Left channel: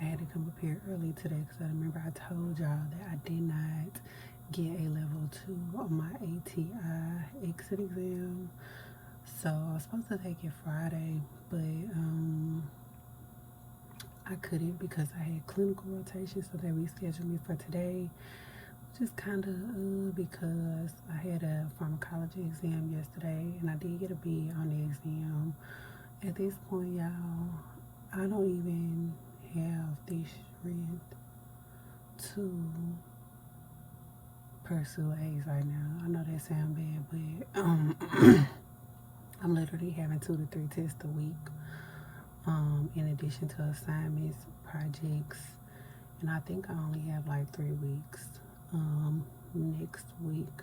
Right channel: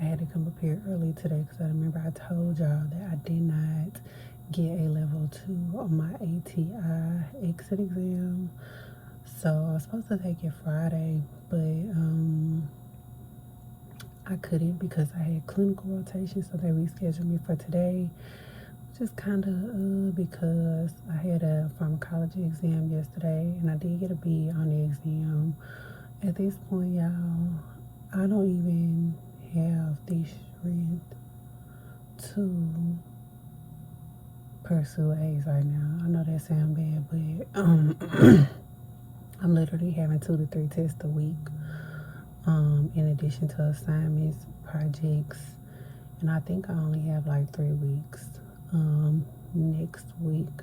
I had to come up here early today because I remember I told y'all that I did not get a level 2 on my ATI exit exam. So I was supposed to take it Friday, but I couldn't because I had clinical rotation, so they rescheduled me for today, which is kind of because I had a pharmacology exam yesterday and I did get a B on the exam. At this point, y'all, I don't even have the strength to pursue A's right now. I know that sounds bad, but I'm literally having 2 to 3 tests a week, in addition to assignments, projects, and I think I only have like 3 weeks. Next week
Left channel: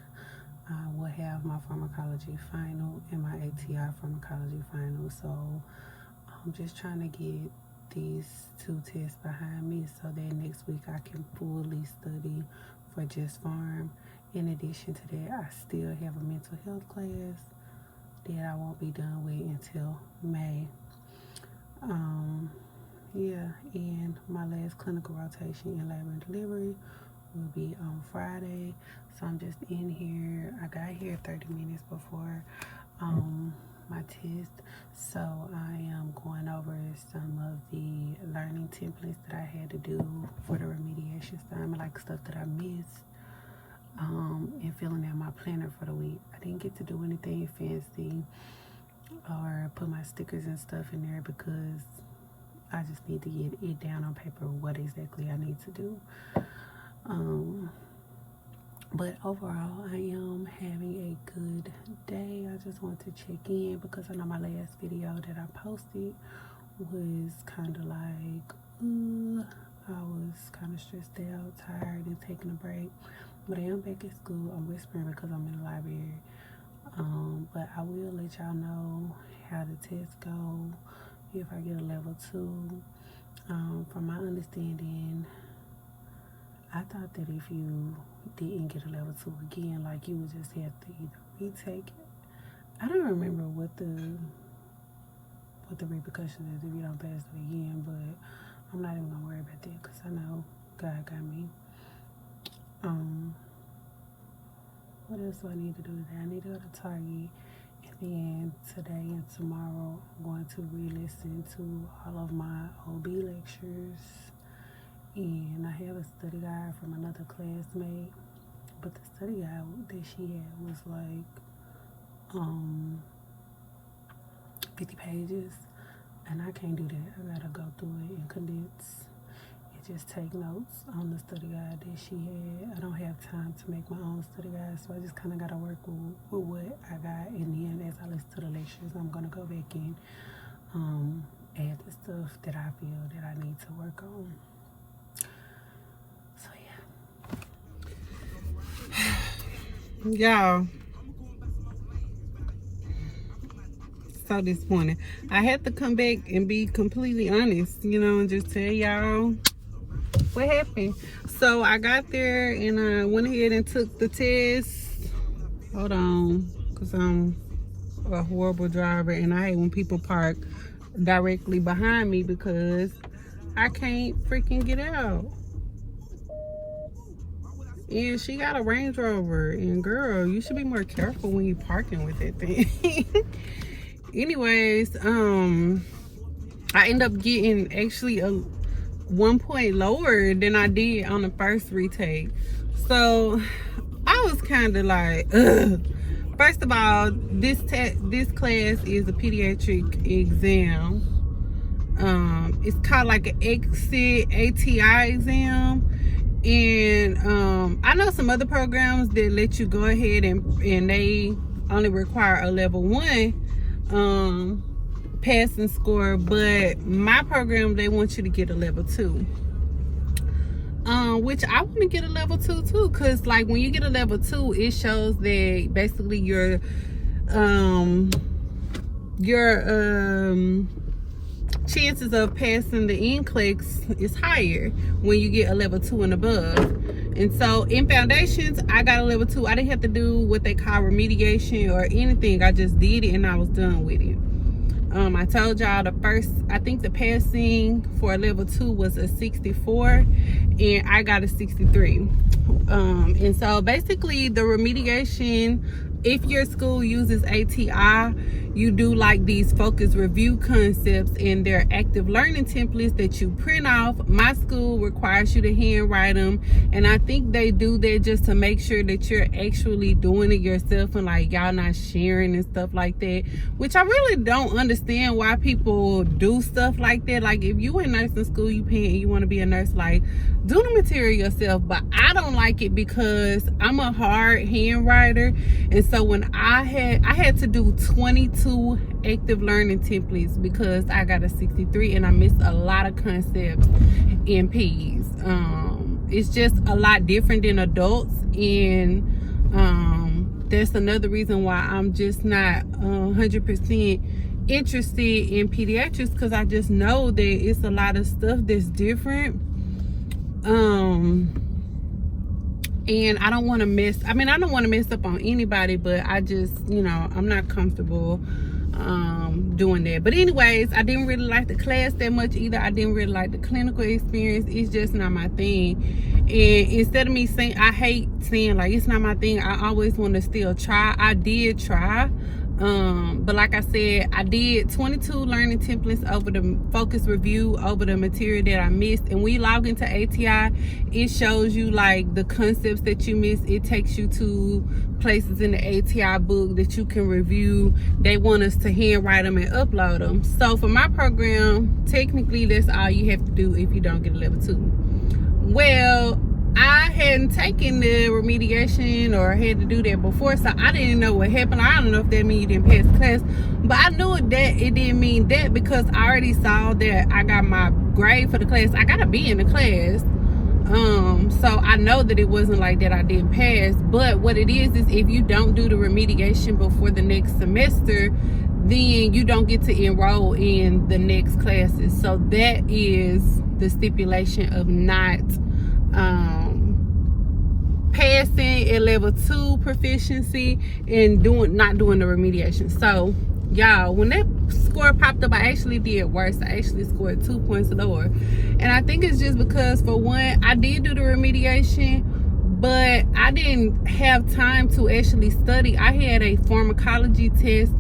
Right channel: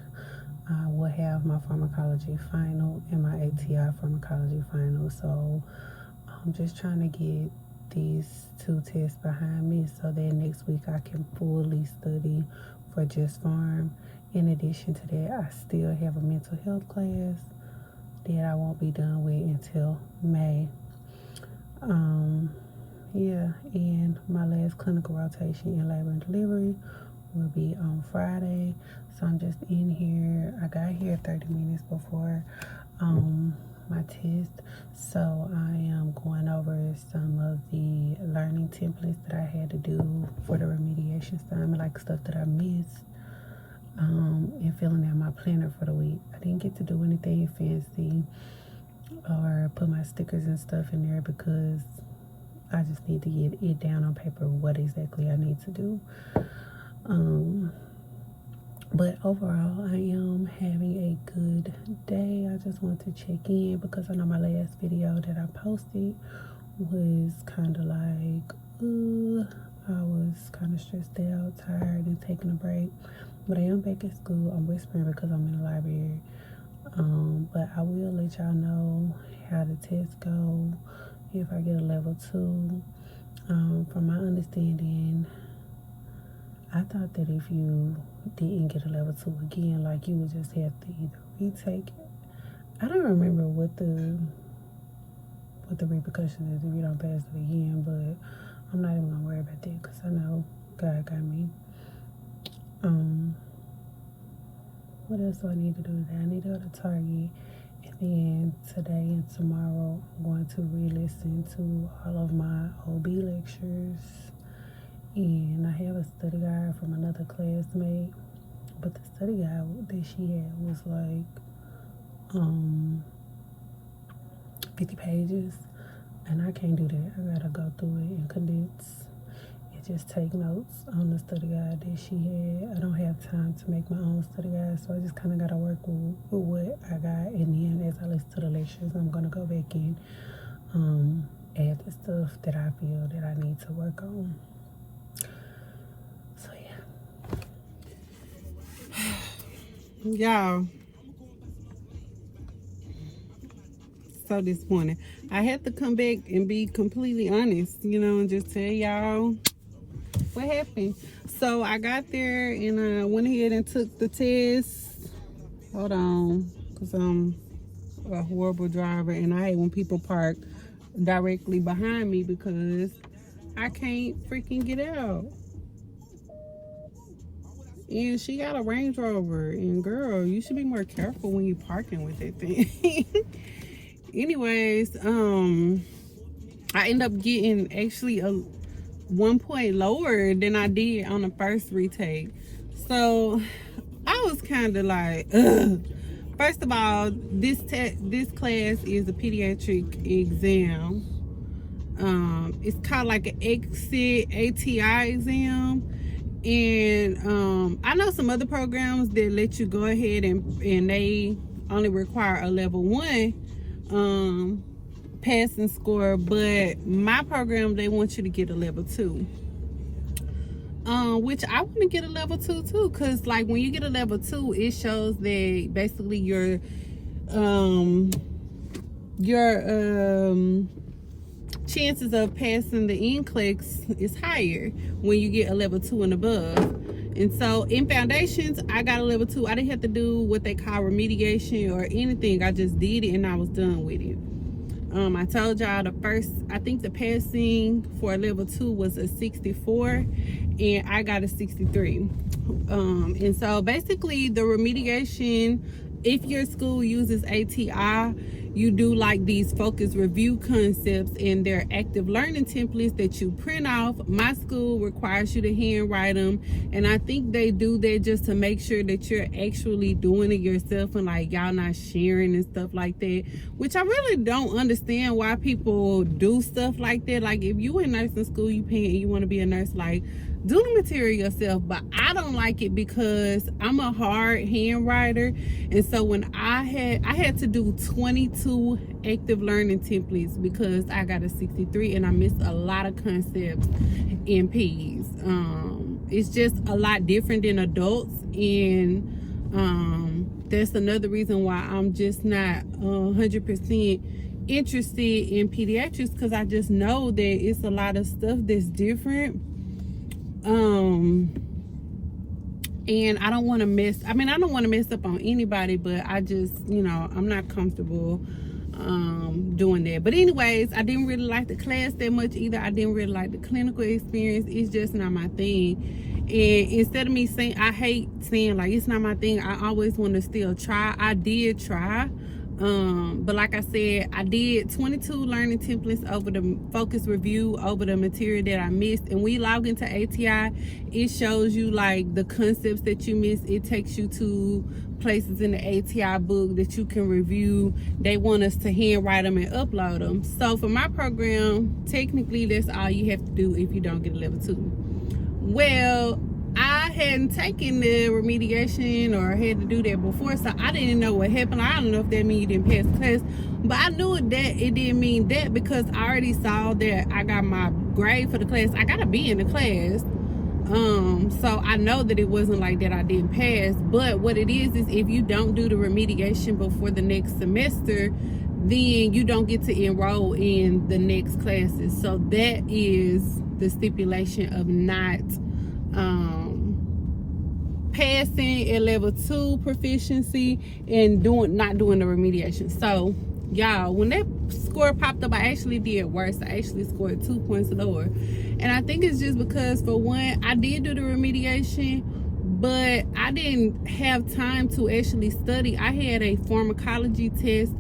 I will have my pharmacology final and my ATI pharmacology final, so I'm just trying to get these 2 tests behind me so that next week I can fully study for just pharm. In addition to that, I still have a mental health class that I won't be done with until May. Yeah, and my last clinical rotation in labor and delivery will be on Friday. So I'm just in here. I got here 30 minutes before my test, so I am going over some of the learning templates that I had to do for the remediation assignment, like stuff that I missed, and filling out my planner for the week. I didn't get to do anything fancy or put my stickers and stuff in there because I just need to get it down on paper what exactly I need to do. But overall, I am having a good day. I just want to check in because I know my last video that I posted was kind of like, I was kind of stressed out, tired, and taking a break. But I am back at school. I'm whispering because I'm in the library. But I will let y'all know how the tests go if I get a level 2. From my understanding, I thought that if you didn't get a level 2 again, like you would just have to either retake it. I don't remember what the repercussions is if you don't pass it again, but I'm not even gonna worry about that because I know God got me. What else do I need to do today? I need to go to Target, and then today and tomorrow I'm going to re-listen to all of my OB lectures. And I have a study guide from another classmate, but the study guide that she had was like 50 pages, and I can't do that. I gotta go through it and condense and just take notes on the study guide that she had. I don't have time to make my own study guide, so I just kind of gotta work with what I got. And then as I listen to the lectures, I'm gonna go back and add the stuff that I feel that I need to work on. Y'all, so disappointed. I had to come back and be completely honest, and just tell y'all what happened. So I got there and I went ahead and took the test. Hold on, because I'm a horrible driver and I hate when people park directly behind me because I can't freaking get out. And she got a Range Rover, and girl, you should be more careful when you're parking with that thing. Anyways, I end up getting actually a 1 point lower than I did on the first retake. So I was kind of like, ugh. First of all, this class is a pediatric exam. It's called like an exit ATI exam. And I know some other programs that let you go ahead and they only require a level 1 passing score, but my program, they want you to get a level 2, which I want to get a level 2 too, because like when you get a level 2, it shows that basically your chances of passing the NCLEX is higher when you get a level 2 and above. And so in foundations, I got a level 2. I didn't have to do what they call remediation or anything. I just did it and I was done with it. I told y'all I think the passing for level 2 was a 64, and I got a 63. And so basically the remediation, if your school uses ATI, you do like these focus review concepts, and they're active learning templates that you print off. My school requires you to handwrite them, and I think they do that just to make sure that you're actually doing it yourself, and like y'all not sharing and stuff like that, which I really don't understand why people do stuff like that. Like, if you in nursing school, you paying, you want to be a nurse, like, do the material yourself. But I don't like it because I'm a hard hand writer, and so when I had to do 22 active learning templates because I got a 63 and I missed a lot of concepts in P's. It's just a lot different than adults, and that's another reason why I'm just not 100% interested in pediatrics, because I just know that it's a lot of stuff that's different. And I don't want to mess up on anybody, but I just, I'm not comfortable doing that. But anyways, I didn't really like the class that much either. I didn't really like the clinical experience. It's just not my thing. And instead of me saying, I hate saying like it's not my thing, I always want to still try. I did try. But like I said, I did 22 learning templates over the focus review, over the material that I missed. And when you log into ATI, it shows you like the concepts that you missed. It takes you to places in the ATI book that you can review. They want us to handwrite them and upload them. So for my program, technically that's all you have to do if you don't get a level 2. Well, I hadn't taken the remediation or had to do that before, so I didn't know what happened. I don't know if that means you didn't pass the class, but I knew that it didn't mean that because I already saw that I got my grade for the class. I got a B in the class. So I know that it wasn't like that I didn't pass. But what it is if you don't do the remediation before the next semester, then you don't get to enroll in the next classes. So that is the stipulation of not passing at level 2 proficiency and not doing the remediation. So y'all, when that score popped up, I actually did worse. I actually scored 2 points lower, and I think it's just because, for one, I did do the remediation, but I didn't have time to actually study. I had a pharmacology test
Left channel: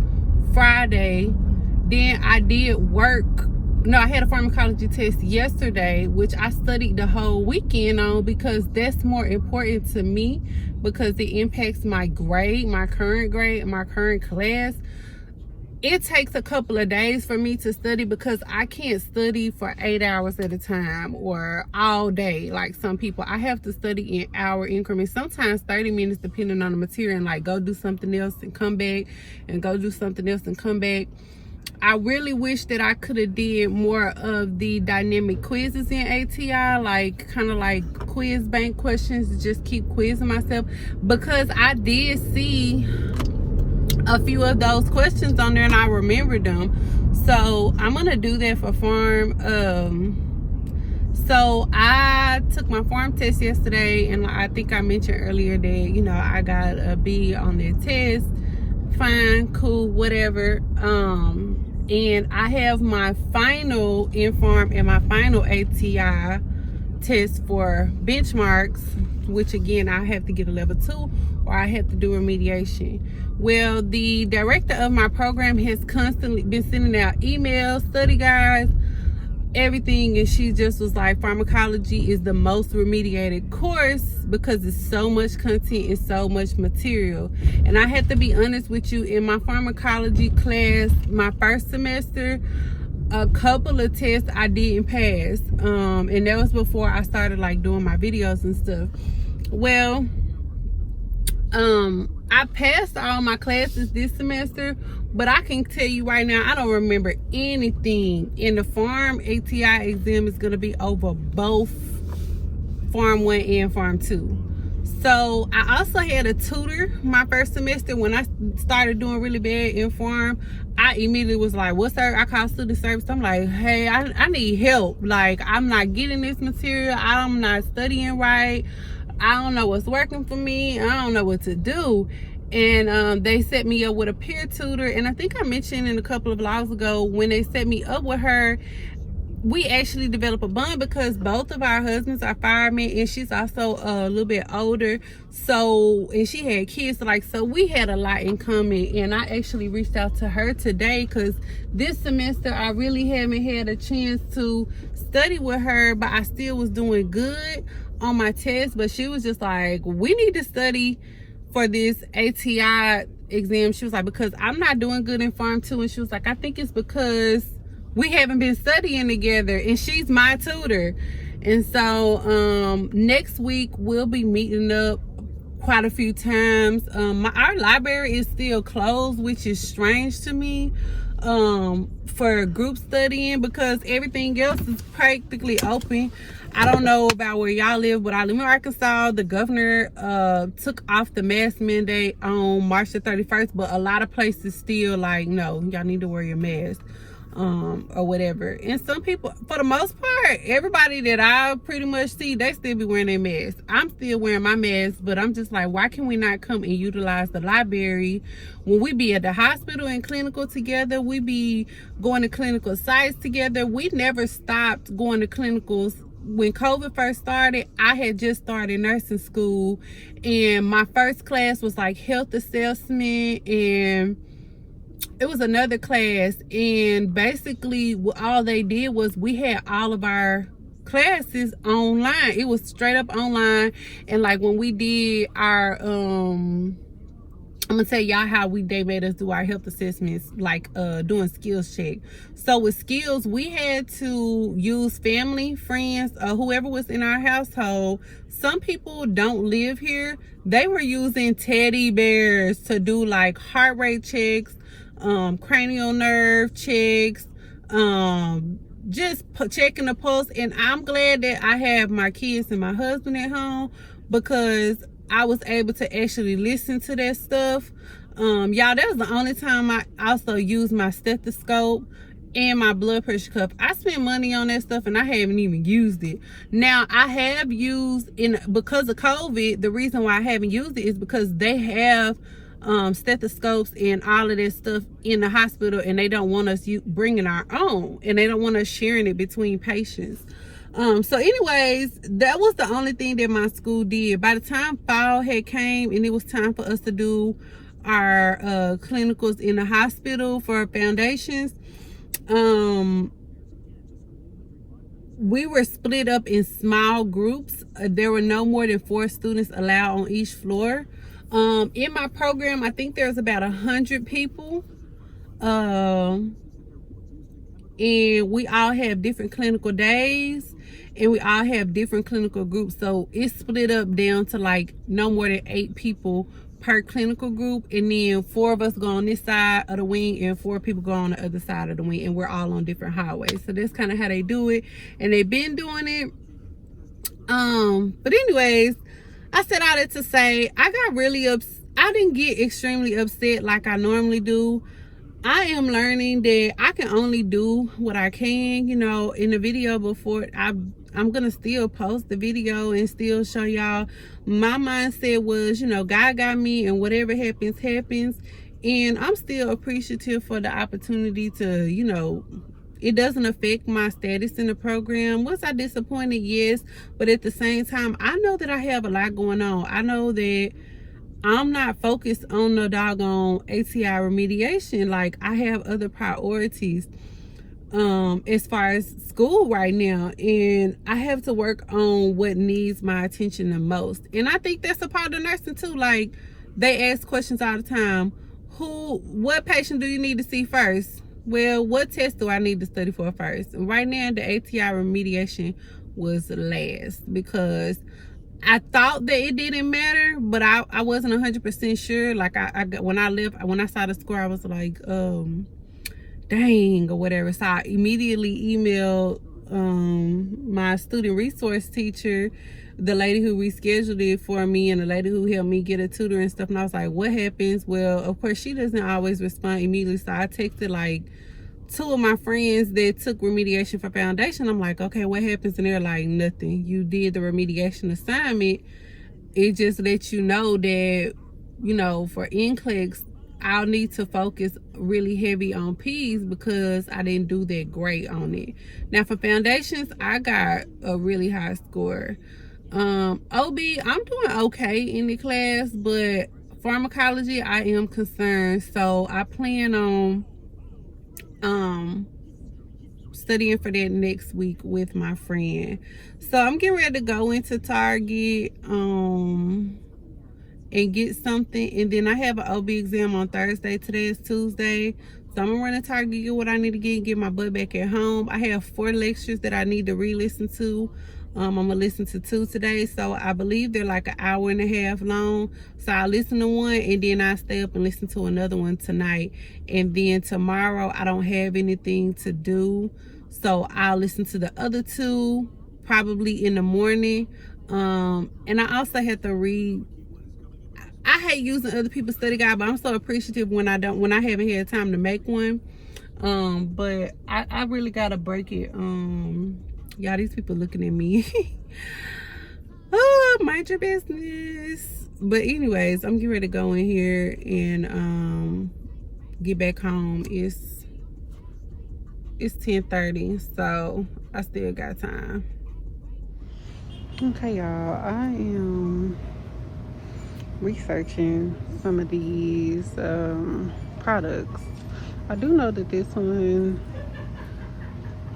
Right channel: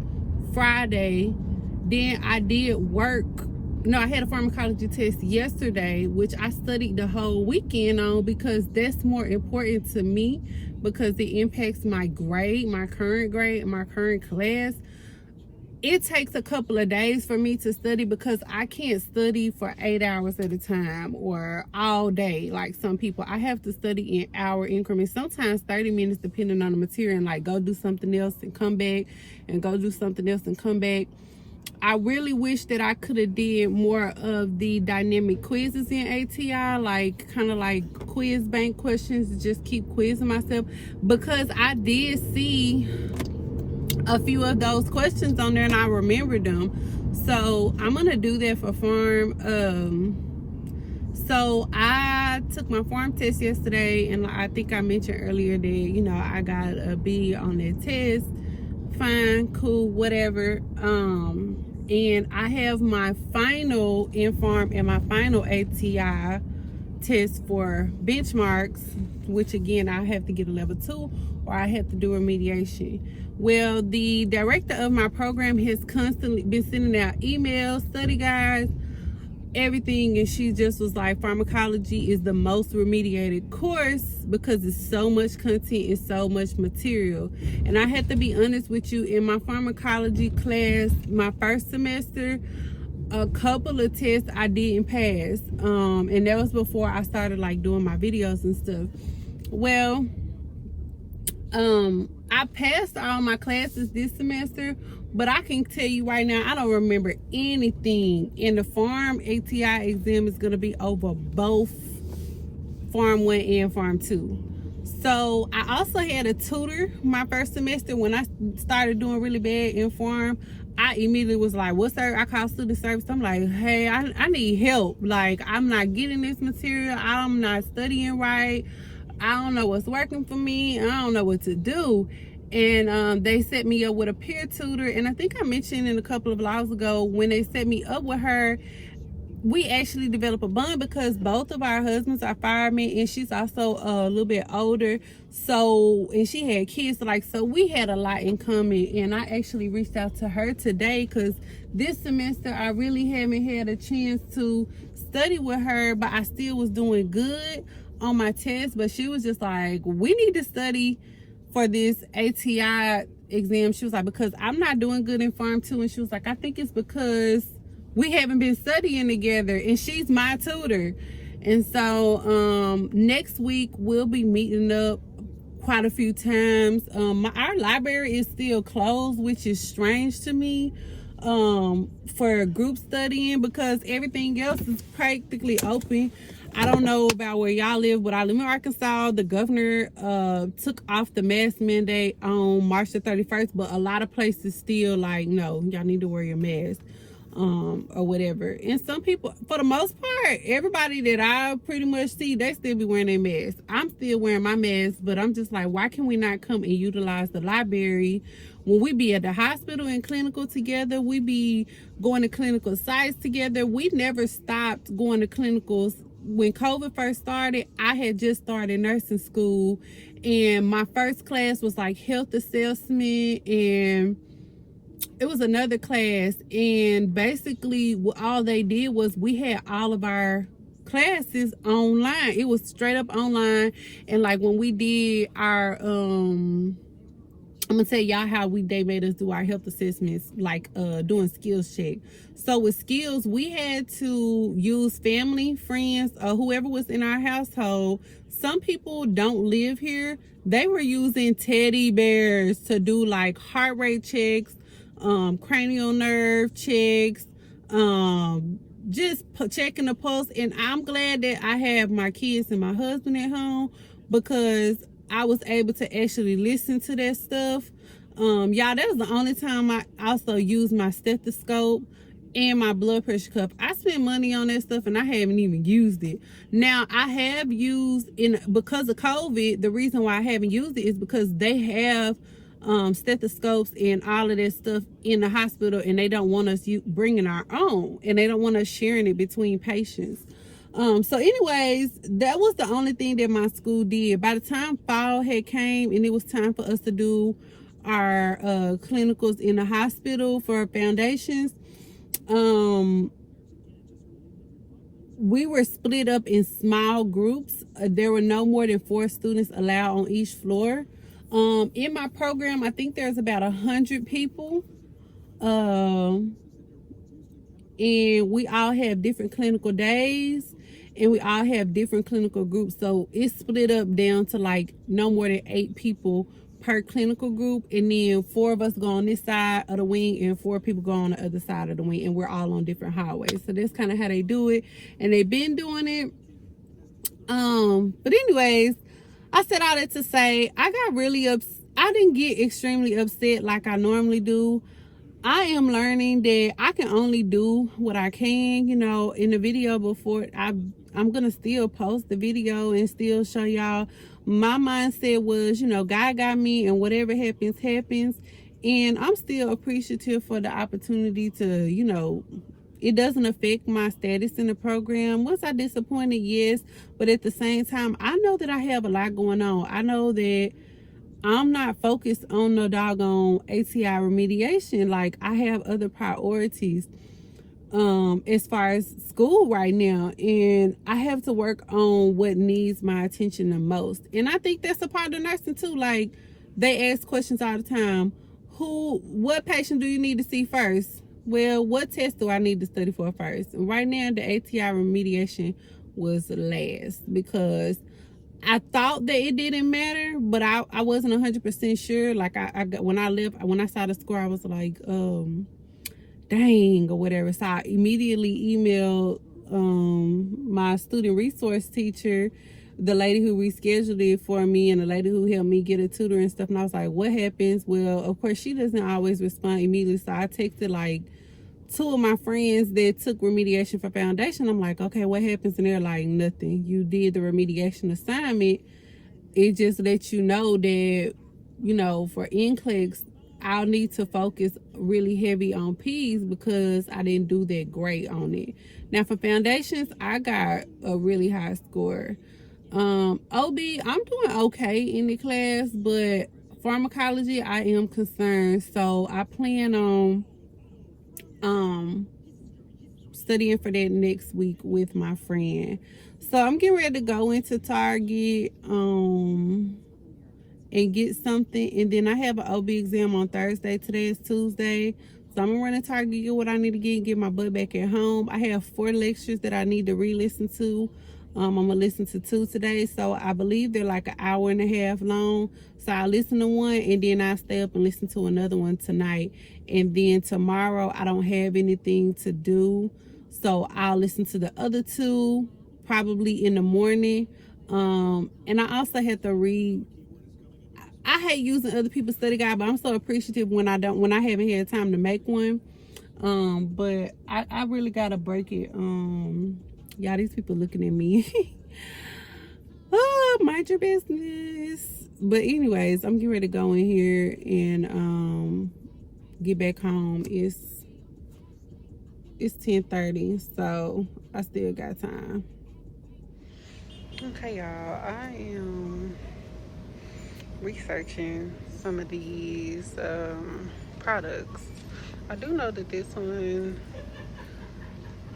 Friday, then I did work. No, I had a pharmacology test yesterday, which I studied the whole weekend on because that's more important to me, because it impacts my grade, my current class. It takes a couple of days for me to study because I can't study for 8 hours at a time or all day like some people. I have to study in hour increments, sometimes 30 minutes depending on the material, and like go do something else and come back and go do something else and come back. I really wish that I could have did more of the dynamic quizzes in ATI, like kind of like quiz bank questions, to just keep quizzing myself, because I did see a few of those questions on there and I remembered them. So I'm gonna do that for farm. So I took my farm test yesterday, and I think I mentioned earlier that I got a B on that test. Fine, cool, whatever. And I have my final in-farm and my final ATI test for benchmarks, which again, I have to get a level 2 or I have to do remediation. Well, the director of my program has constantly been sending out emails, study guides, everything, and she just was like, pharmacology is the most remediated course because it's so much content and so much material. And I have to be honest with you, in my pharmacology class, my first semester, a couple of tests I didn't pass, and that was before I started like doing my videos and stuff. Well, I passed all my classes this semester, but I can tell you right now, I don't remember anything. In the farm ATI exam is going to be over both farm 1 and farm 2. So I also had a tutor my first semester. When I started doing really bad in farm, I immediately was like, I called student service. I'm like, hey, I need help. Like, I'm not getting this material. I'm not studying right. I don't know what's working for me. I don't know what to do. And they set me up with a peer tutor. And I think I mentioned in a couple of vlogs ago, when they set me up with her, we actually developed a bond because both of our husbands are firemen, and she's also a little bit older. So, and she had kids, like, so we had a lot in common. And I actually reached out to her today because this semester I really haven't had a chance to study with her, but I still was doing good on my test. But she was just like, we need to study for this ATI exam. She was like, because I'm not doing good in Pharm 2. And she was like, I think it's because we haven't been studying together, and she's my tutor. And so next week we'll be meeting up quite a few times. Our library is still closed, which is strange to me, for group studying, because everything else is practically open. I don't know about where y'all live, but I live in Arkansas. The governor took off the mask mandate on March the 31st, but a lot of places still like, no, y'all need to wear your mask. Or whatever. And some people, for the most part, everybody that I pretty much see, they still be wearing their mask. I'm still wearing my mask, but I'm just like, why can we not come and utilize the library when we be at the hospital and clinical together? We be going to clinical sites together. We never stopped going to clinicals. When COVID first started, I had just started nursing school, and my first class was like health assessment, and it was another class, and basically all they did was we had all of our classes online. It was straight up online. And like when we did our I'm gonna tell y'all how they made us do our health assessments, like doing skills check. So with skills, we had to use family, friends, or whoever was in our household. Some people don't live here. They were using teddy bears to do like heart rate checks, cranial nerve checks, just checking the pulse. And I'm glad that I have my kids and my husband at home, because I was able to actually listen to that stuff. Y'all, that was the only time I also used my stethoscope and my blood pressure cuff. I spent money on that stuff and I haven't even used it. Now I have used, because of COVID, the reason why I haven't used it is because they have stethoscopes and all of that stuff in the hospital, and they don't want us bringing our own, and they don't want us sharing it between patients. So anyways, that was the only thing that my school did. By the time fall had came and it was time for us to do our clinicals in the hospital for foundations, we were split up in small groups. There were no more than 4 students allowed on each floor. In my program, I think there's about 100 people, and we all have different clinical days, and we all have different clinical groups. So it's split up down to like no more than 8 people per clinical group, and then 4 of us go on this side of the wing and 4 people go on the other side of the wing, and we're all on different hallways. So that's kind of how they do it, and they've been doing it. But anyways, I said all that to say, I got really upset. I didn't get extremely upset like I normally do. I am learning that I can only do what I can. You know, in the video before, I'm gonna still post the video and still show y'all. My mindset was, you know, God got me, and whatever happens, happens. And I'm still appreciative for the opportunity to, you know, it doesn't affect my status in the program. Was I disappointed? Yes. But at the same time, I know that I have a lot going on. I know that I'm not focused on the doggone ATI remediation. Like, I have other priorities as far as school right now, and I have to work on what needs my attention the most. And I think that's a part of nursing too. Like, they ask questions all the time. What patient do you need to see first? Well, what test do I need to study for first? Right now, the ATI remediation was last, because I thought that it didn't matter, but I wasn't 100% sure. Like, when I saw the score, I was like, dang, or whatever. So I immediately emailed my student resource teacher, the lady who rescheduled it for me, and the lady who helped me get a tutor and stuff. And I was like, what happens? Well, of course, she doesn't always respond immediately. So I texted like 2 of my friends that took remediation for foundation. I'm like, okay, what happens? And they're like, nothing. You did the remediation assignment. It just lets you know that you know, for NCLEX, I'll need to focus really heavy on P's because I didn't do that great on it. Now for foundations, I got a really high score. OB, I'm doing okay in the class, but pharmacology, I am concerned. So I plan on studying for that next week with my friend. So I'm getting ready to go into Target and get something, and then I have an OB exam on Thursday. Today is Tuesday, so I'm gonna run to Target, get what I need to get my butt back at home. I have 4 lectures that I need to re-listen to. I'm gonna listen to 2 today, so I believe they're like an hour and a half long. So I'll listen to one, and then I stay up and listen to another one tonight. And then tomorrow I don't have anything to do, so I'll listen to the other 2 probably in the morning. And I also have to read. I hate using other people's study guide, but I'm so appreciative when I haven't had time to make one. But I really gotta break it. Y'all, these people looking at me. Oh, mind your business. But anyways, I'm getting ready to go in here and get back home. It's 10:30, so I still got time. Okay, y'all, I am researching some of these products. I do know that this one,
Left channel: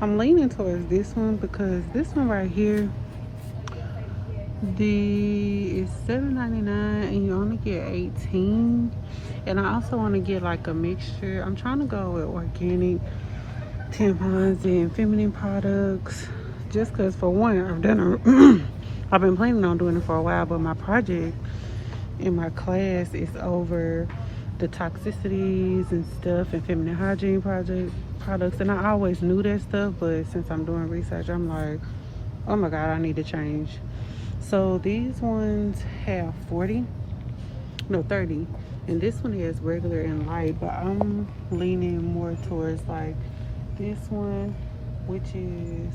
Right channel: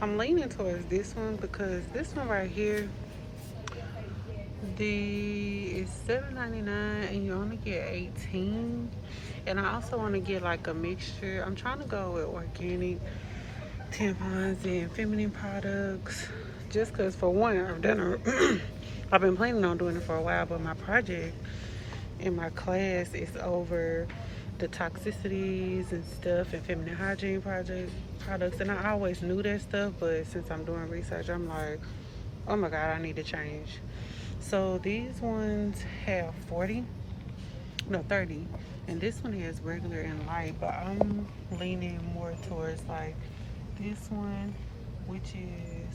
I'm leaning towards this one because this one right here, is $7.99 and you only get 18. And I also want to get like a mixture. I'm trying to go with organic tampons and feminine products, just because for one, I've been planning on doing it for a while, but my project in my class is over the toxicities and stuff and feminine hygiene products, and I always knew that stuff, but since I'm doing research, I'm like, oh my god, I need to change. So these ones have 30, and this one has regular and light, but I'm leaning more towards like this one, which is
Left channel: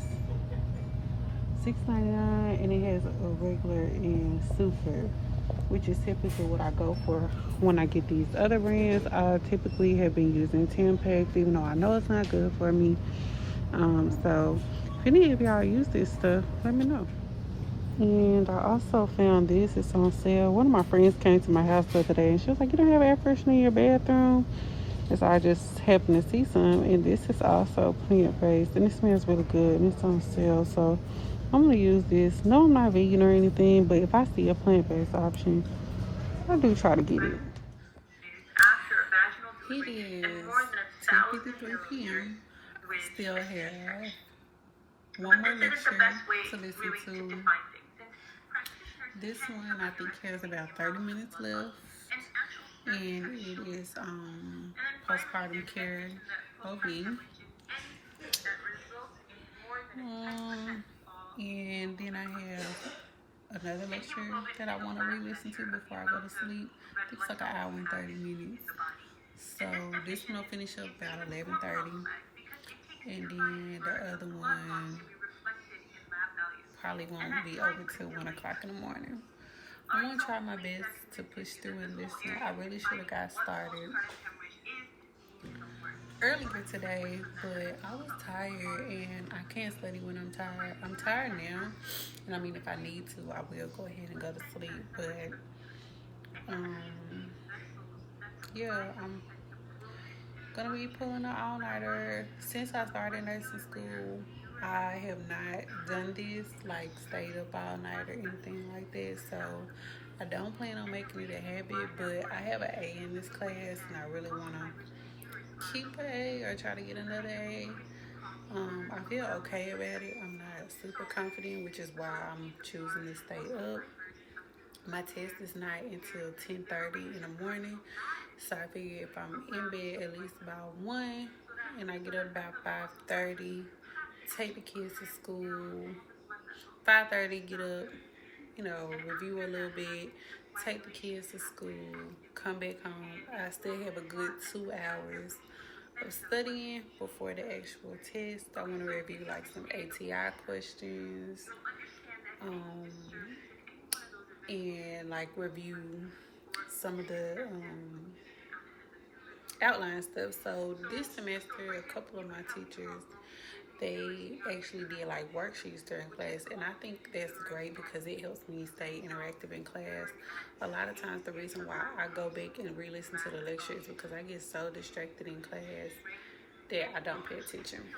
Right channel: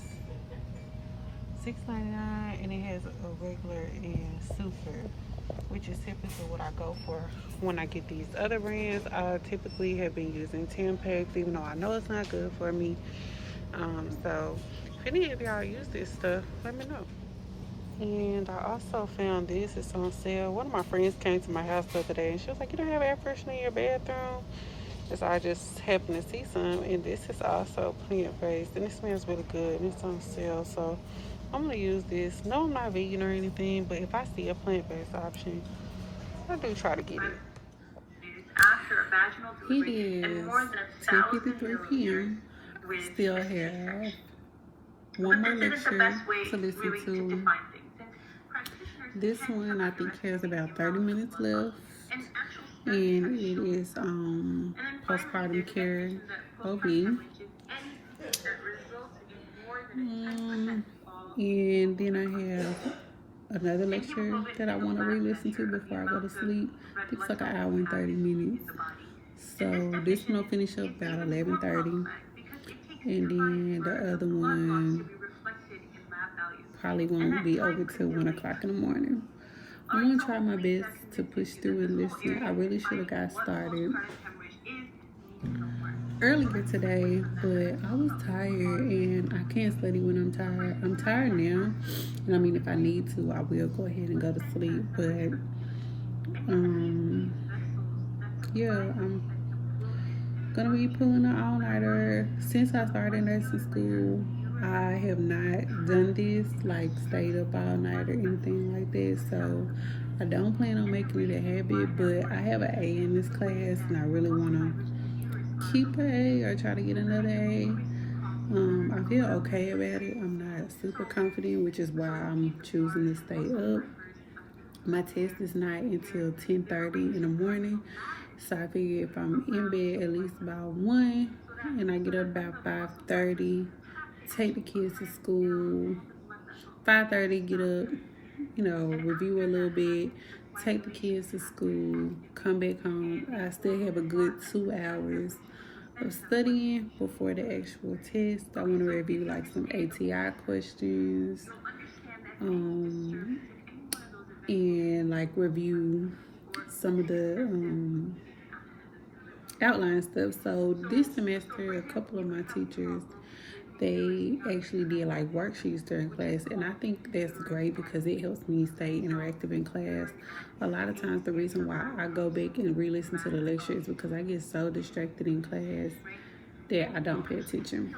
$6.99, and it has a regular and super, which is typically what I go for when I get these other brands. I typically have been using Tampax, even though I know it's not good for me. So if any of y'all use this stuff, let me know. And I also found this, it's on sale. One of my friends came to my house the other day and she was like, you don't have air freshener in your bathroom? And so I just happened to see some, and this is also plant-based, and it smells really good, and it's on sale. So I'm gonna use this. No, I'm not vegan or anything, but if I see a plant-based option, I do try to get it. It is 10:53 p.m. Still have one more lecture to listen to. This one I think has about 30 minutes left, and it is postpartum care OB. And then I have another lecture that I want to re-listen to before I go to sleep. It's like an hour and 30 minutes. So this one will finish up about 11:30, and then the other one probably won't be over till 1 o'clock in the morning. I'm gonna try my best to push through and listen. I really should have got started earlier today, but I was tired and I can't study when I'm tired. I'm tired now, and I mean, if I need to, I will go ahead and go to sleep, but yeah, I'm gonna be pulling an all-nighter. Since I started nursing school, I have not done this, like stayed up all night or anything like that, so I don't plan on making it a habit, but I have an A in this class and I really want to keep an A or try to get another A. I feel okay about it. I'm not super confident, which is why I'm choosing to stay up. My test is not until 10:30 in the morning, so I figure if I'm in bed at least about 1 and I get up about 5:30, take the kids to school, 5:30 get up, review a little bit, take the kids to school, come back home. I still have a good 2 hours of studying before the actual test. I want to review like some ATI questions, and like review some of the outline stuff. So this semester, a couple of my teachers, they actually did like worksheets during class, and I think that's great because it helps me stay interactive in class. A lot of times the reason why I go back and re-listen to the lecture is because I get so distracted in class that I don't pay attention.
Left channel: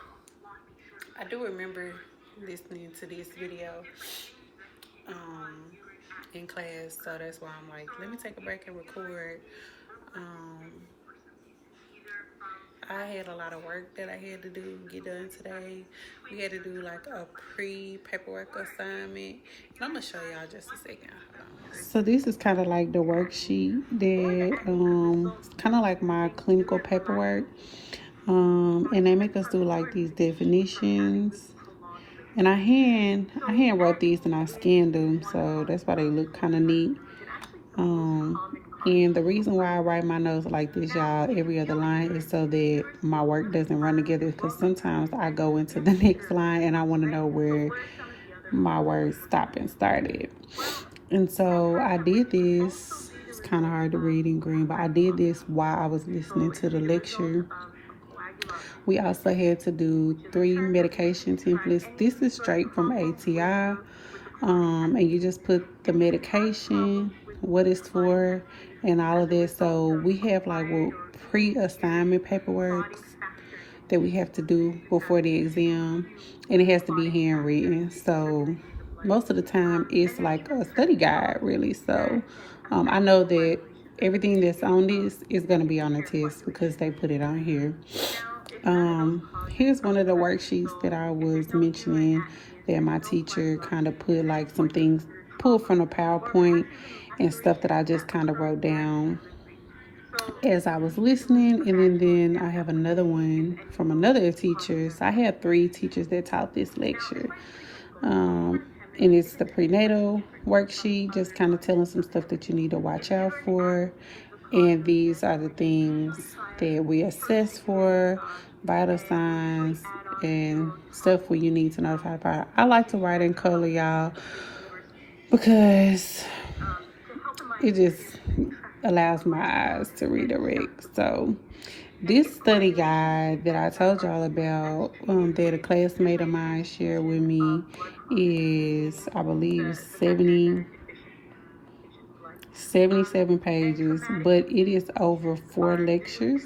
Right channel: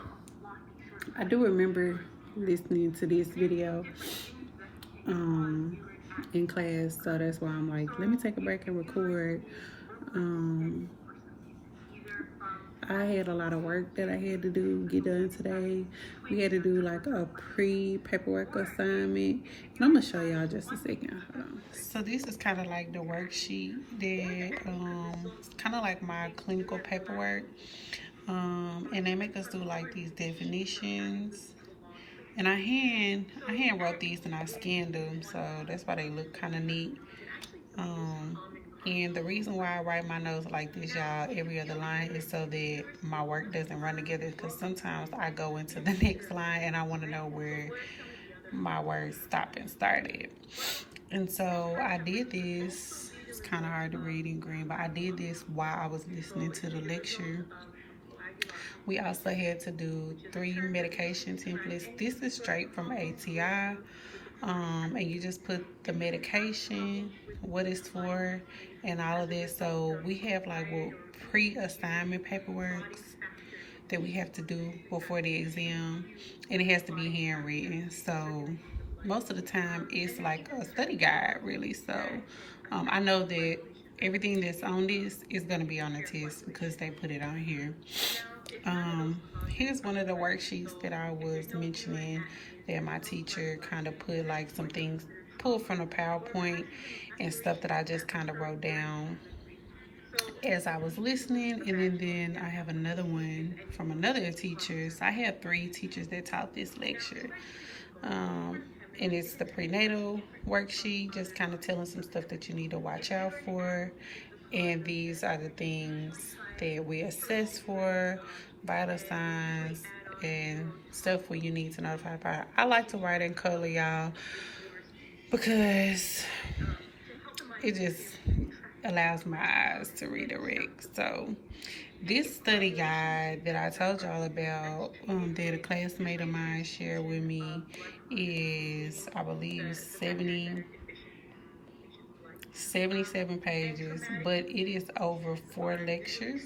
I do remember listening to this video in class, so that's why I'm like, let me take a break and record. I had a lot of work that I had to get done today. We had to do like a pre-paperwork assignment. And I'm gonna show y'all just a second. Hold on. So this is kind of like the worksheet that kind of like my clinical paperwork. And they make us do like these definitions. And I hand wrote these and I scanned them, so that's why they look kind of neat. And the reason why I write my notes like this, y'all, every other line is so that my work doesn't run together, because sometimes I go into the next line and I want to know where my words stop and started. And so I did this. It's kind of hard to read in green, but I did this while I was listening to the lecture. We also had to do 3 medication templates. This is straight from ATI. And you just put the medication, what it's for, and all of this. So we have like pre-assignment paperwork that we have to do before the exam, and it has to be handwritten. So most of the time it's like a study guide, really. So I know that everything that's on this is going to be on the test because they put it on here. Here's one of the worksheets that I was mentioning that my teacher kind of put like some things pulled from the PowerPoint and stuff that I just kind of wrote down as I was listening. And then I have another one from another teacher. So I had 3 teachers that taught this lecture. And it's the prenatal worksheet, just kind of telling some stuff that you need to watch out for. And these are the things that we assess for, vital signs, and stuff where you need to notify about. I like to write in color, y'all, because it just allows my eyes to redirect. So this study guide that I told y'all about, that a classmate of mine shared with me, is, I believe, 77 pages, but it is over 4 lectures.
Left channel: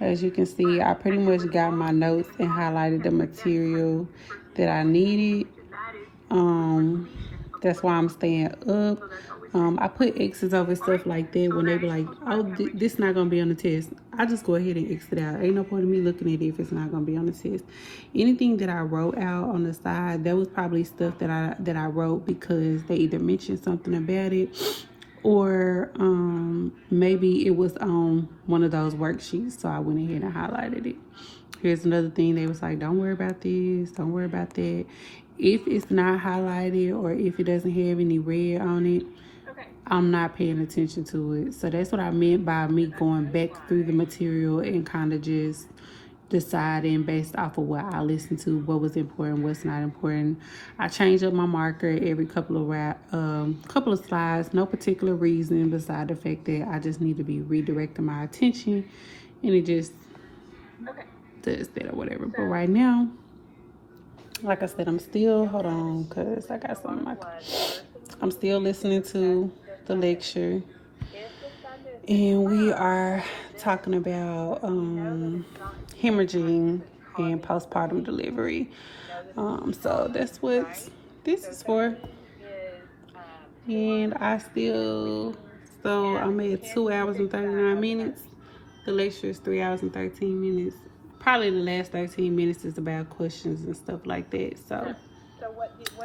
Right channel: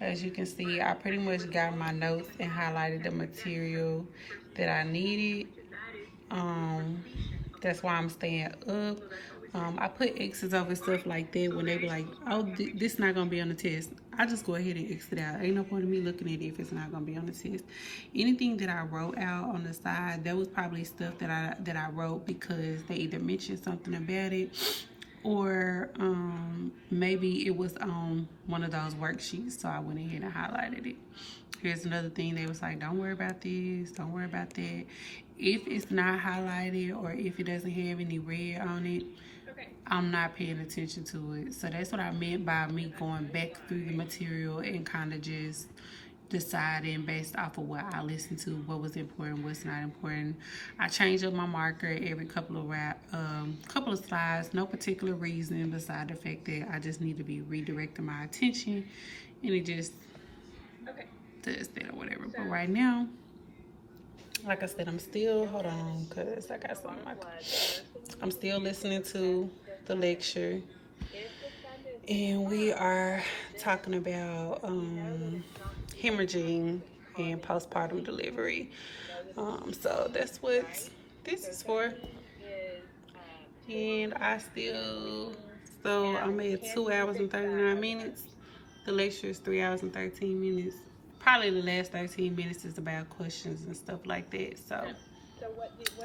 As you can see, I pretty much got my notes and highlighted the material that I needed. That's why I'm staying up. I put X's over stuff like that when they be like, oh, this not going to be on the test. I just go ahead and X it out. Ain't no point in me looking at it if it's not going to be on the test. Anything that I wrote out on the side, that was probably stuff that I wrote because they either mentioned something about it, or maybe it was on one of those worksheets, so I went ahead and highlighted it. Here's another thing. They was like, don't worry about this, don't worry about that. If it's not highlighted or if it doesn't have any red on it, I'm not paying attention to it. So that's what I meant by me going back through the material and kind of just deciding based off of what I listened to, what was important, what's not important. I change up my marker every couple of slides. No particular reason beside the fact that I just need to be redirecting my attention, and it just does that or whatever. But right now, like I said, I'm still, hold on, because I got something in my car. I'm still listening to the lecture, and we are talking about hemorrhaging and postpartum delivery. So that's what this is for. And so I'm at 2 hours and 39 minutes. The lecture is 3 hours and 13 minutes. Probably the last 13 minutes is about questions and stuff like that. So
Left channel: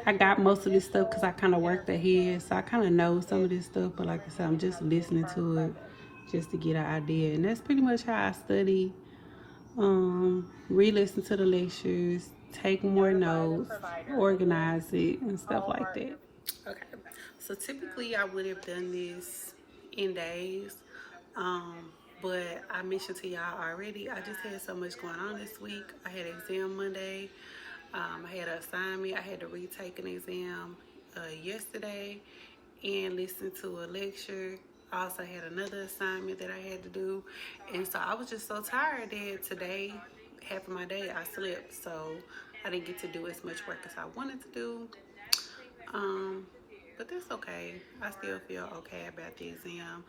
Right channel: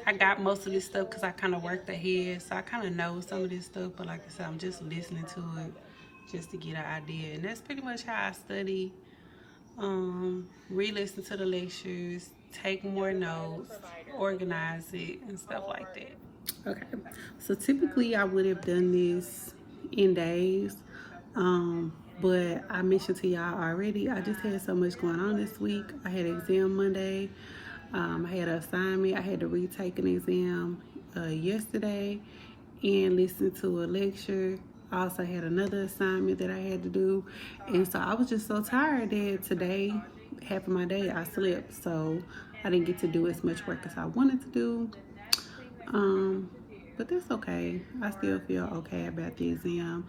I got most of this stuff because I kind of worked ahead. So I kind of know some of this stuff. But like I said, I'm just listening to it just to get an idea. And that's pretty much how I study. Re-listen to the lectures, take more notes, organize it, and stuff like that. Okay, so typically I would have done this in days, but I mentioned to y'all already, I just had so much going on this week. I had an exam Monday, I had an assignment, I had to retake an exam yesterday, and listen to a lecture I also had another assignment that I had to do. And so I was just so tired that today, half of my day, I slept. So I didn't get to do as much work as I wanted to do. But that's okay. I still feel okay about the exam.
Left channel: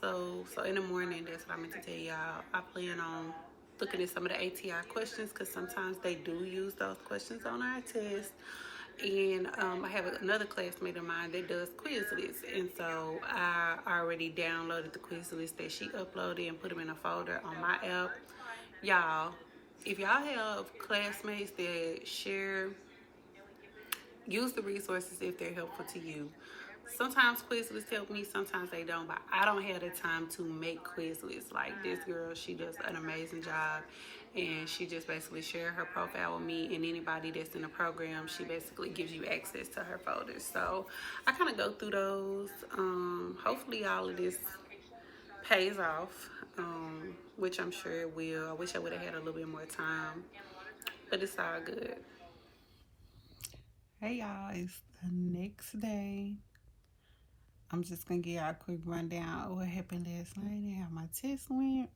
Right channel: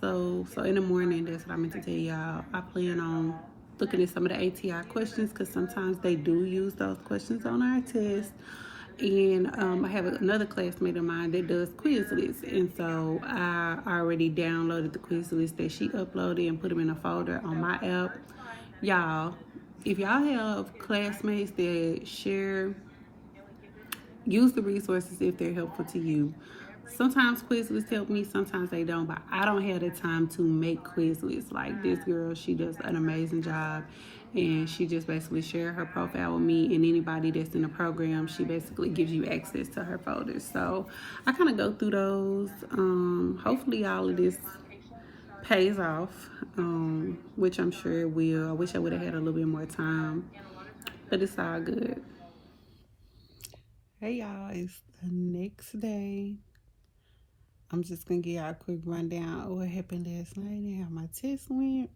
So in the morning, that's what I meant to tell y'all. I plan on looking at some of the ATI questions because sometimes they do use those questions on our test. And I have another classmate of mine that does Quizlets, and so I already downloaded the Quizlets that she uploaded and put them in a folder on my app. Y'all, if y'all have classmates that share, use the resources if they're helpful to you. Sometimes Quizlets help me, sometimes they don't, but I don't have the time to make Quizlets. Like this girl, she does an amazing job, and she just basically shared her profile with me, and anybody that's in the program, she basically gives you access to her folders. So I kind of go through those. Hopefully all of this pays off, which I'm sure it will. I wish I would have had a little bit more time, but it's all good. Hey y'all, it's the next day. I'm just gonna give y'all a quick rundown of what happened last night and how my test went.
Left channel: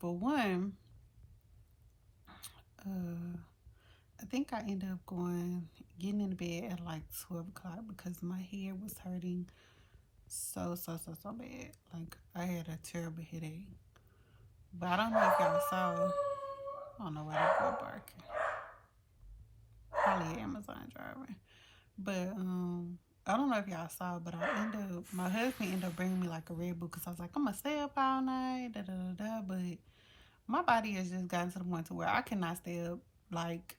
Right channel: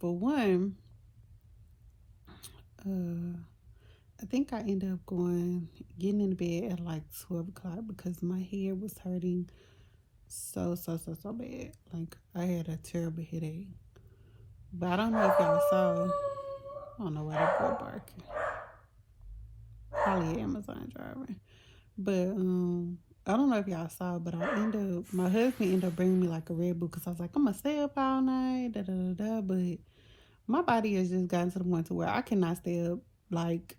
For one, I think I ended up getting into bed at like 12 o'clock because my head was hurting so bad. Like I had a terrible headache. But I don't know if y'all saw. I don't know why that boy barking. Probably Amazon driver. But I don't know if y'all saw, but my husband ended up bringing me like a Red Bull because I was like, I'm gonna stay up all night, But my body has just gotten to the point to where I cannot stay up like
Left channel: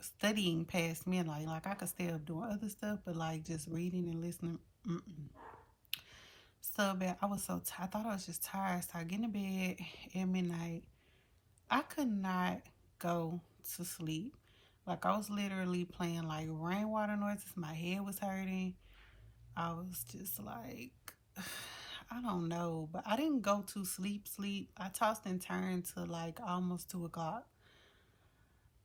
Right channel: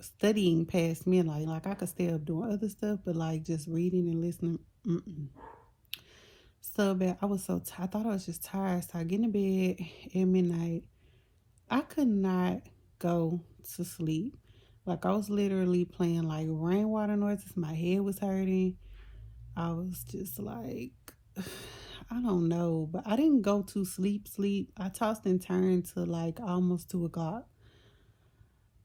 studying past midnight. Like I could stay up doing other stuff, but like just reading and listening, so bad. I was so tired. I thought I was just tired. So I get in bed at midnight. I could not go to sleep. Like I was literally playing like rainwater noises. My head was hurting. I was just like, I don't know, but I didn't go to sleep. I tossed and turned to like almost 2 o'clock.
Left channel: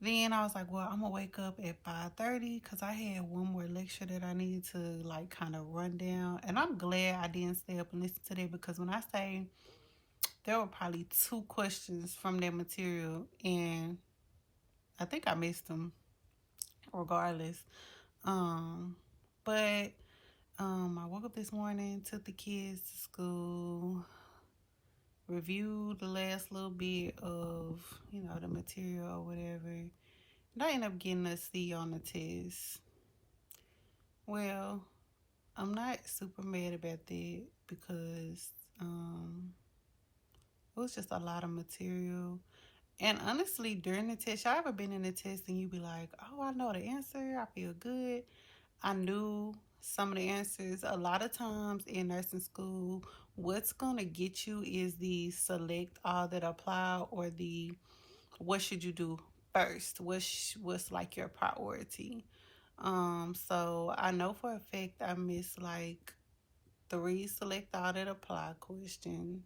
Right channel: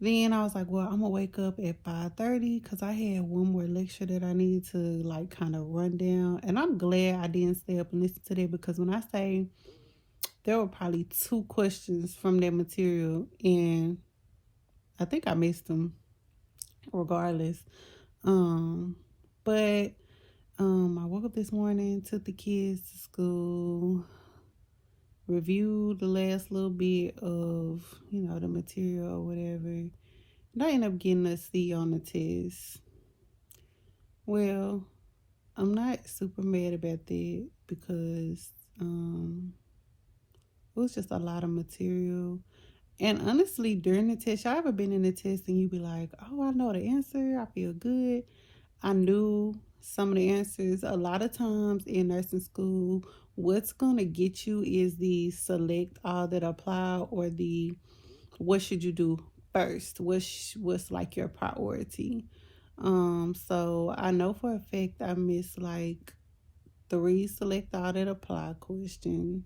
Then I was like, well, I'm gonna wake up at 5:30 because I had one more lecture that I needed to like kind of run down. And I'm glad I didn't stay up and listen to that because when I say there were probably 2 questions from that material and I think I missed them regardless. But I woke up this morning, took the kids to school, reviewed the last little bit of, the material or whatever. And I ended up getting a C on the test. Well, I'm not super mad about that because it was just a lot of material. And honestly, during the test, y'all ever been in the test and you be like, oh, I know the answer, I feel good. I knew some of the answers. A lot of times in nursing school, what's going to get you is the select all that apply or the what should you do first? What's like your priority? So I know for a fact I missed like 3 select all that apply questions.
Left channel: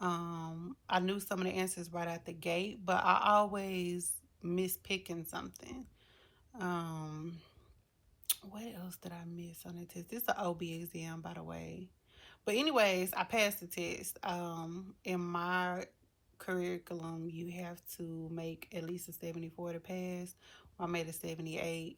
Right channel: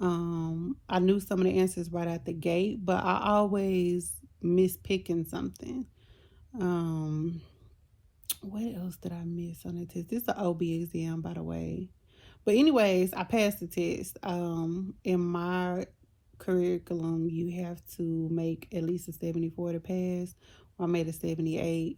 I knew some of the answers right out the gate, but I always miss picking something. What else did I miss on the test? This is an OB exam, by the way. But anyways, I passed the test. In my curriculum, you have to make at least a 74 to pass. I made a 78.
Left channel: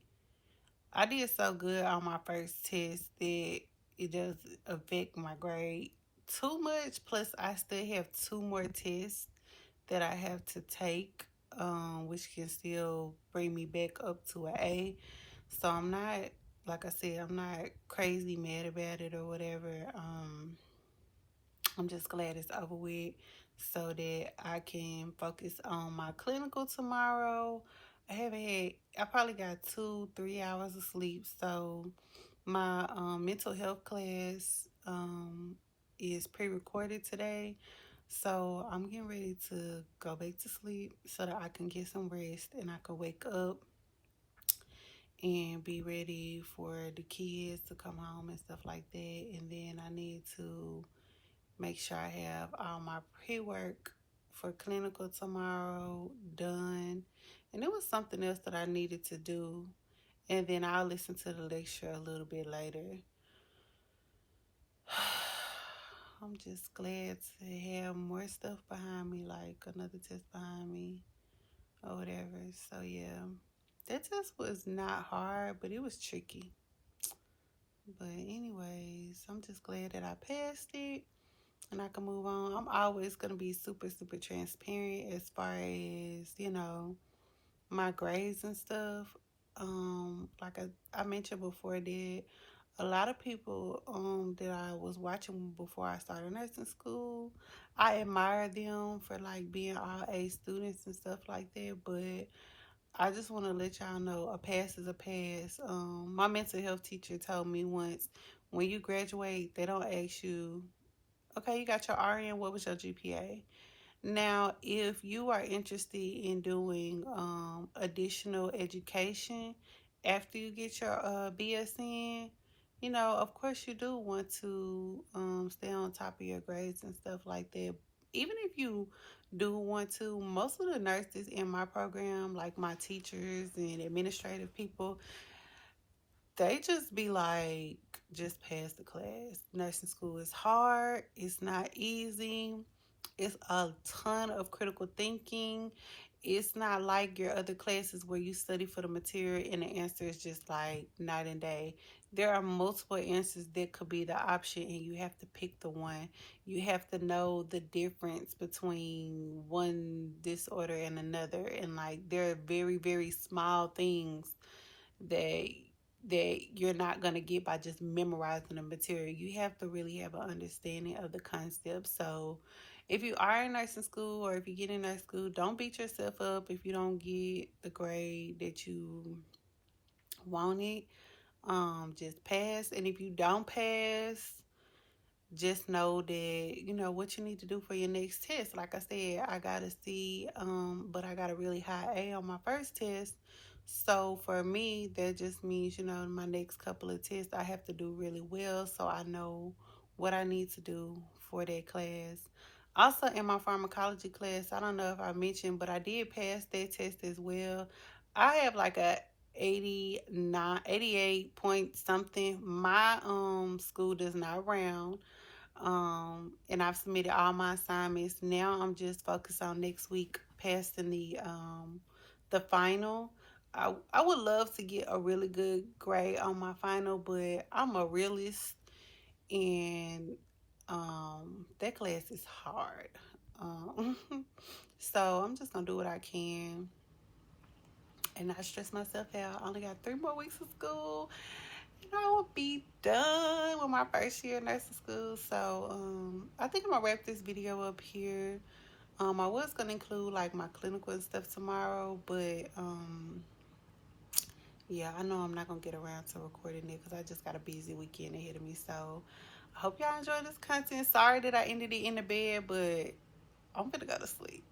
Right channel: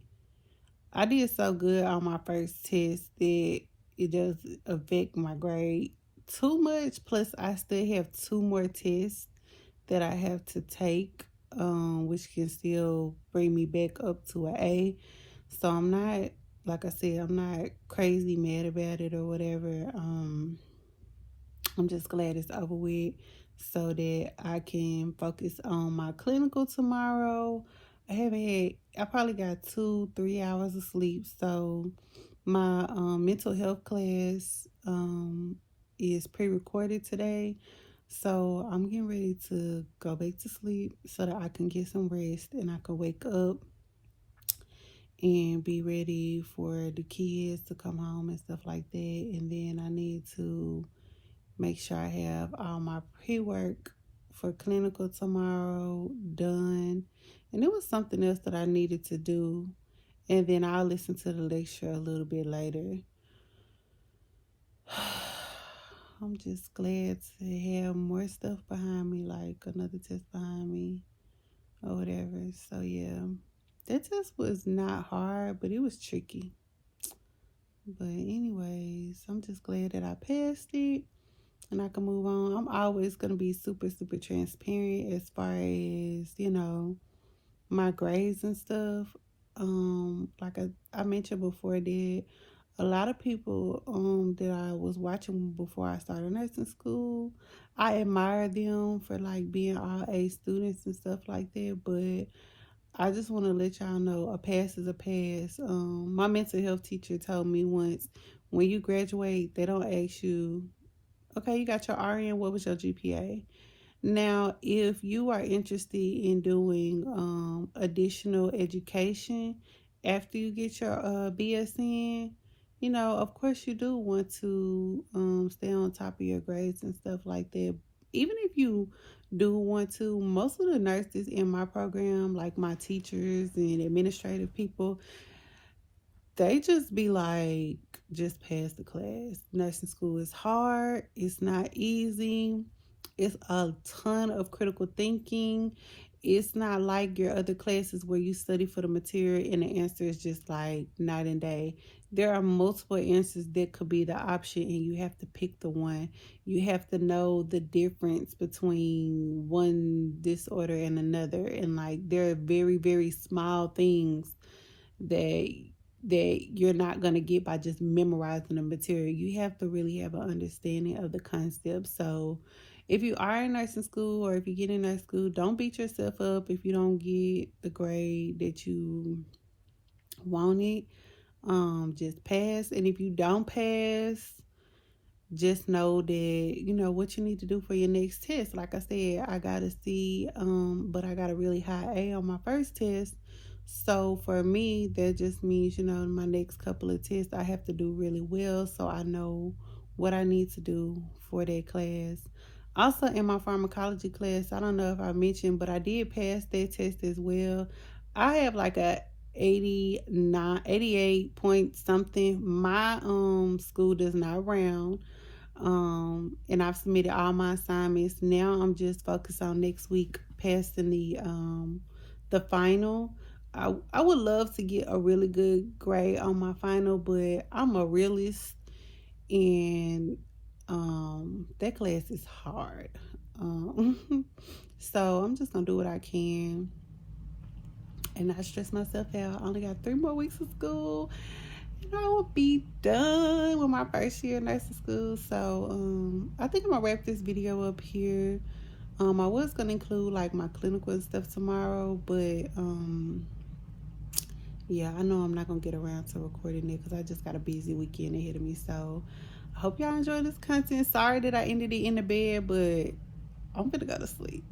I did so good on my first test that it doesn't affect my grade too much. Plus, I still have 2 more tests that I have to take, which can still bring me back up to an A. So I'm not, like I said, I'm not crazy mad about it or whatever. I'm just glad it's over with so that I can focus on my clinical tomorrow. I probably got 2-3 hours of sleep. So my mental health class is pre-recorded today. So I'm getting ready to go back to sleep so that I can get some rest and I can wake up and be ready for the kids to come home and stuff like that. And then I need to make sure I have all my pre-work for clinical tomorrow done. And there was something else that I needed to do. And then I'll listen to the lecture a little bit later. I'm just glad to have more stuff behind me, like another test behind me or whatever. So yeah, that test was not hard, but it was tricky. But anyways, I'm just glad that I passed it and I can move on. I'm always going to be super, super transparent as far as, my grades and stuff. Like I mentioned before that a lot of people that I was watching before I started nursing school, I admire them for like being all A students and stuff like that. But I just want to let y'all know a pass is a pass. My mental health teacher told me once, when you graduate, they don't ask you, okay, you got your RN, what was your GPA? Now, if you are interested in doing additional education after you get your BSN, of course you do want to stay on top of your grades and stuff like that. Even if you do want to, most of the nurses in my program, like my teachers and administrative people, they just be like, just pass the class. Nursing school is hard. It's not easy. It's a ton of critical thinking. It's not like your other classes where you study for the material and the answer is just like night and day. There are multiple answers that could be the option and you have to pick the one. You have to know the difference between one disorder and another. And like there are very, very small things that you're not going to get by just memorizing the material. You have to really have an understanding of the concept. So if you are in nursing school or if you get in nursing school, don't beat yourself up if you don't get the grade that you wanted. Just pass. And if you don't pass, just know that what you need to do for your next test. Like I said, I got a C, but I got a really high A on my first test. So for me, that just means my next couple of tests I have to do really well, so I know what I need to do for that class. Also in my pharmacology class, I don't know if I mentioned, but I did pass that test as well. I have like a 88 point something. My school does not round. And I've submitted all my assignments. Now I'm just focused on next week passing the final. I would love to get a really good grade on my final, but I'm a realist and that class is hard. So I'm just gonna do what I can and not stress myself out. I only got 3 more weeks of school and I will be done with my first year of nursing school. So I think I'm gonna wrap this video up here. I was gonna include like my clinical and stuff tomorrow, but yeah, I know I'm not gonna get around to recording it because I just got a busy weekend ahead of me. So I hope y'all enjoy this content. Sorry that I ended it in the bed, but I'm gonna go to sleep.